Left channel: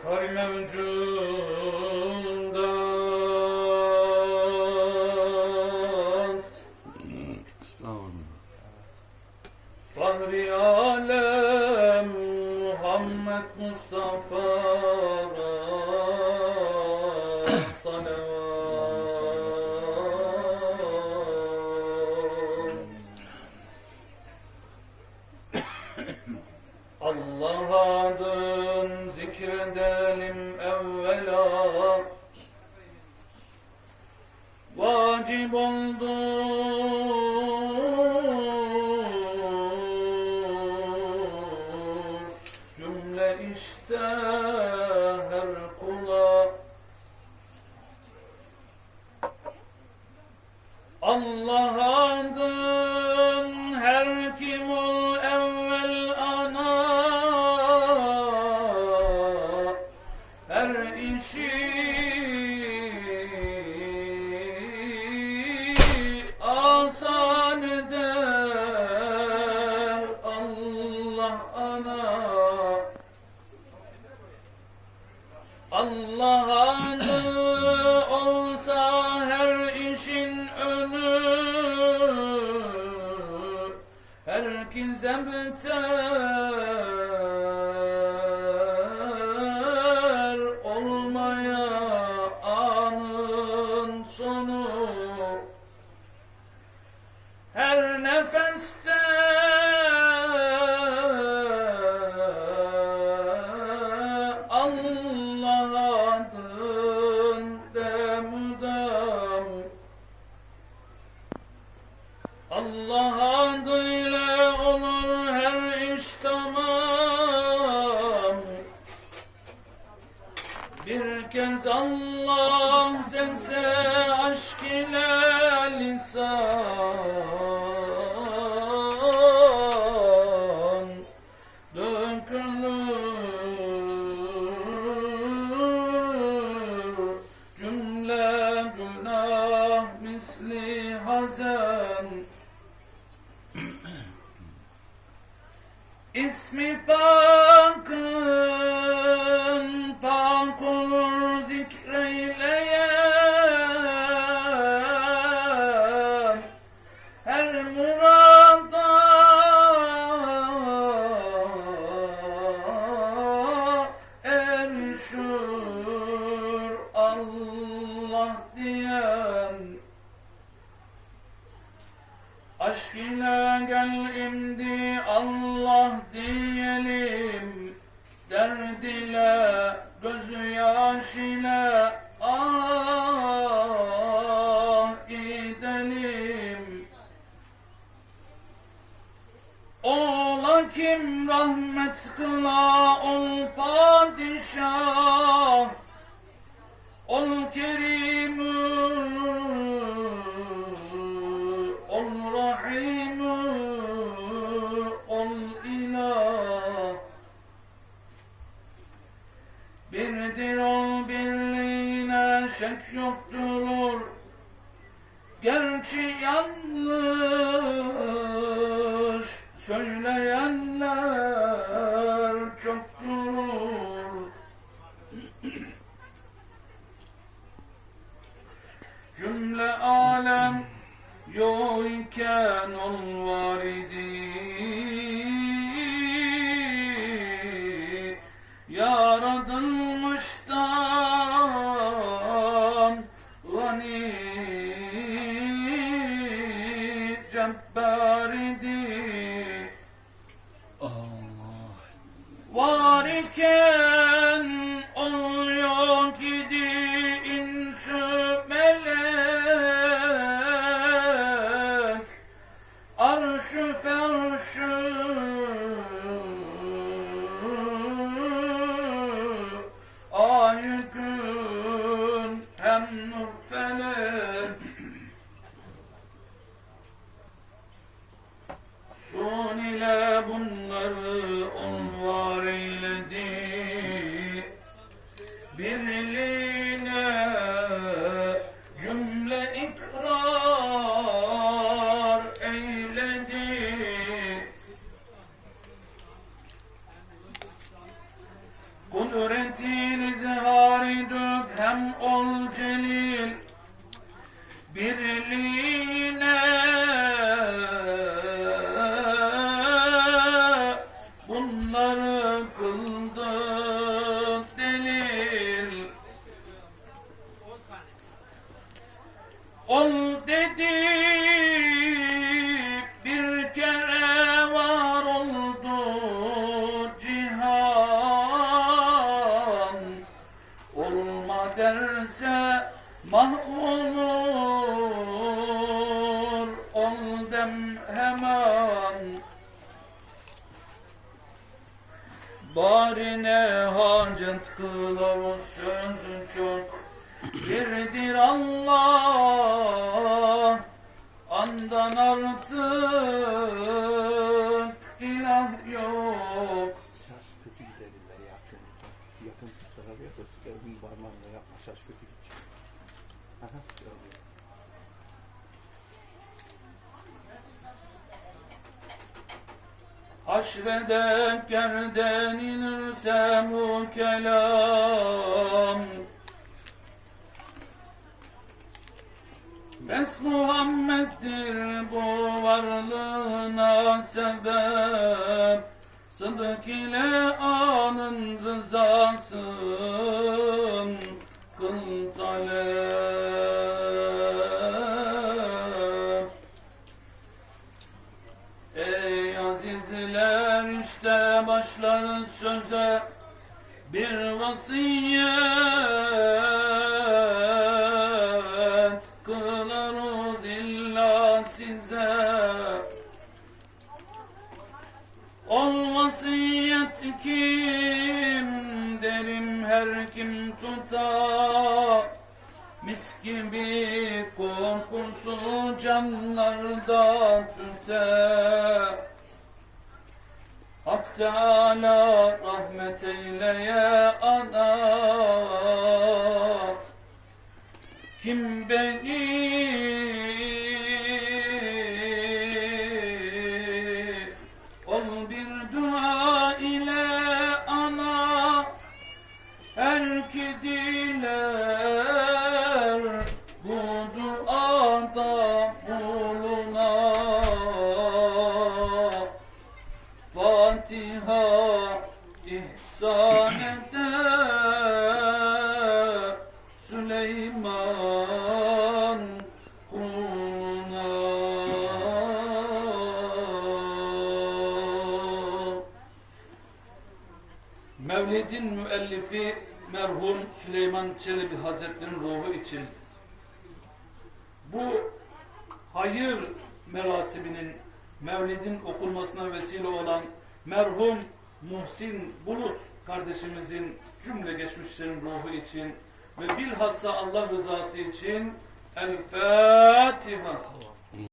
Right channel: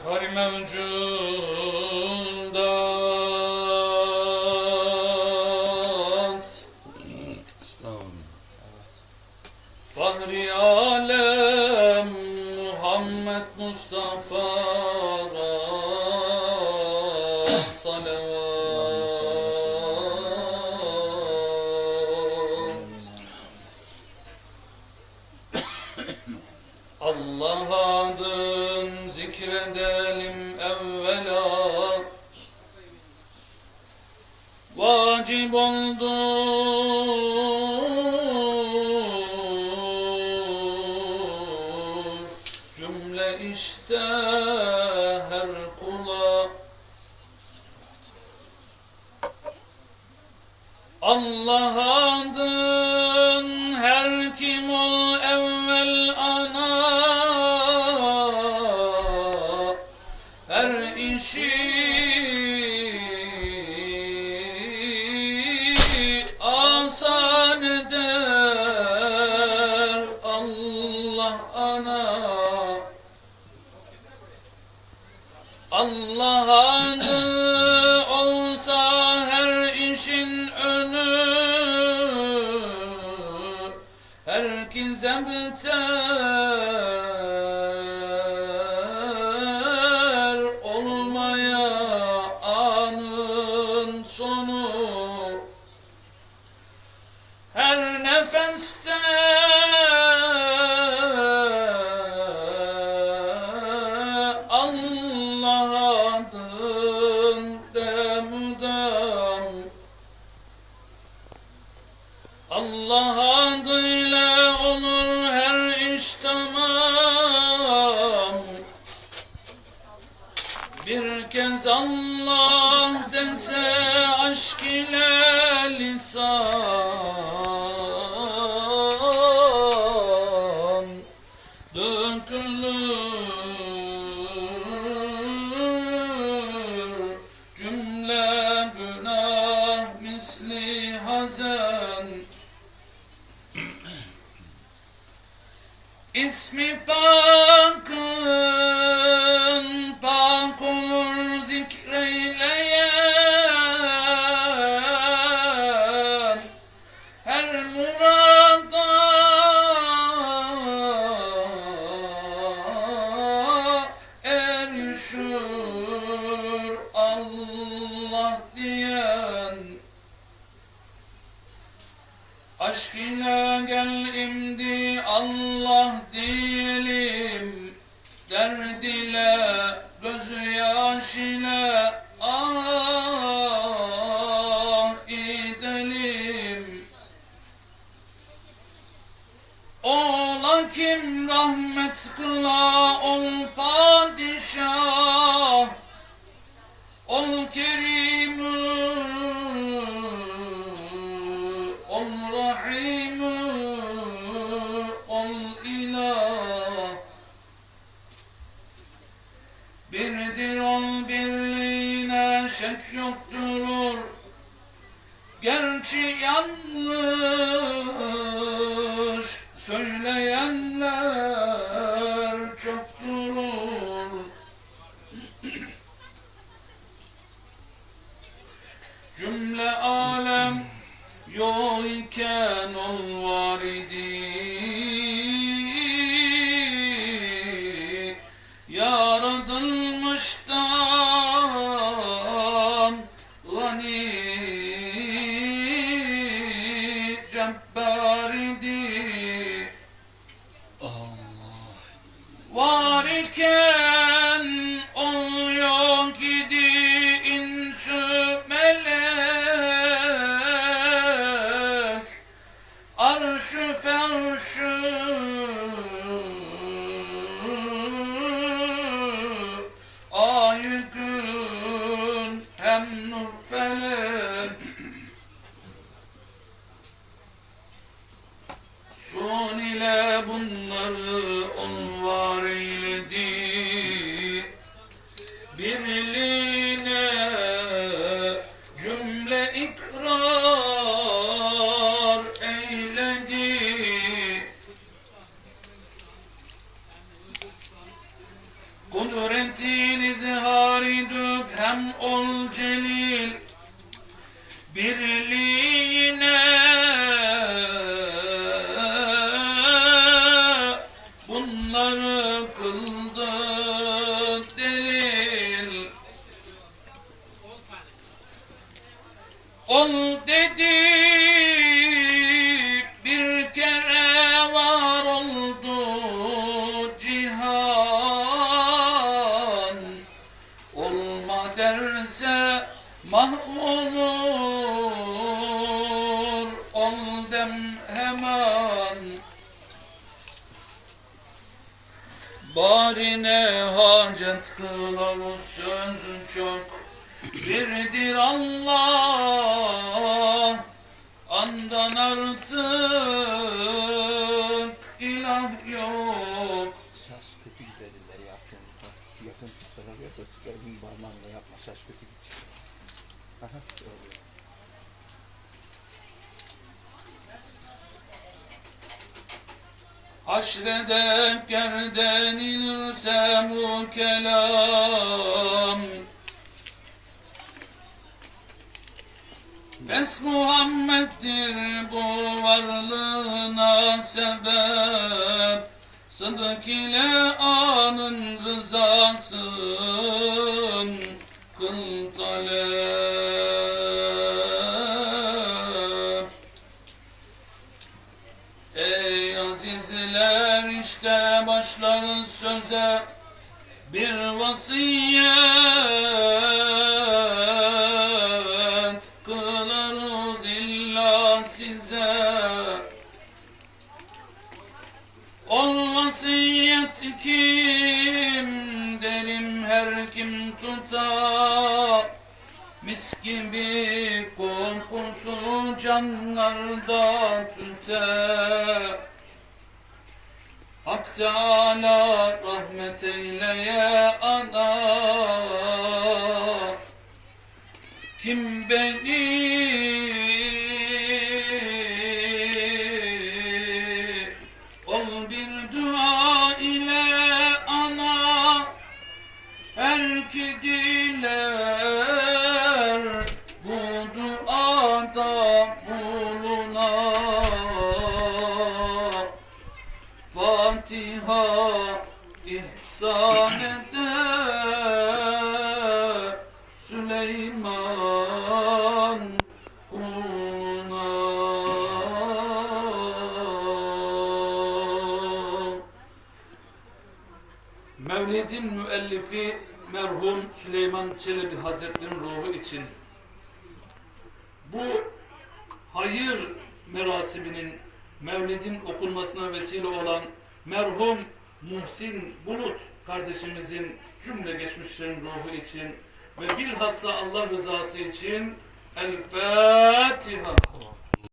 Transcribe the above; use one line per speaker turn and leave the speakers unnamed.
efhar mevcudat. Fahri alem Muhammed Mustafa'ra Allah adın zikredelim evvela. Vacip oldu. Cümle işte her kula. Allah Allah Allah adın demudam Allah adıyla olur her iş tamam. Bir kez Allah dese aşk ile lisan İsmi pakın pak olur zikreyleyen her murada erişir Allah diyen Aşk ile gel imdi Allah diyelim. Derd ile gözyaş ile ah edelim Ola kim rahmet kıla ol padişah Rahim Ol ilah. Birdir şek yokturur. Gerçi yanlış söyleyenler çoktur Cümle alem yok iken ol var idi Yaratılmıştan gani cebbar idi.
Allah.
Arşı ferşı Ay nur felek Sun ile bunları on Kudretin izhari hem ol celil Birliğine bunları kıldı delil. Ol dedi Mahvolur oldum hemen. Barine hacet kılavuz sözün çok Birdir Allah. Andan artık ilah yok.
Saz kötü gidelim ben yapacağım. Yakın tutana bir yakın parmağımla yapma saz kötü gidelim Aha.
Haşrede gerden bu kelam Bes Muhammed'dir bu varlığına sebep Sıdık ile anın rızasın vasiyet kılarız illa size. Ol vasiyet kim derim her kim tutar Mis gibi kokusu canlarda tüter Hak Teala rahmet eyleye ana. Kim beni Mevlid'in müellifi merhum Süleyman Çelebi Hazretleri'nin ruhu için bu hayır merasiminin Mevlid'in okunmasına vesile olan merhum Muhsin Bulut kardeşimizin cümle geçmişlerin ruhu için ve bilhassa Allah rızası için الفاتحة.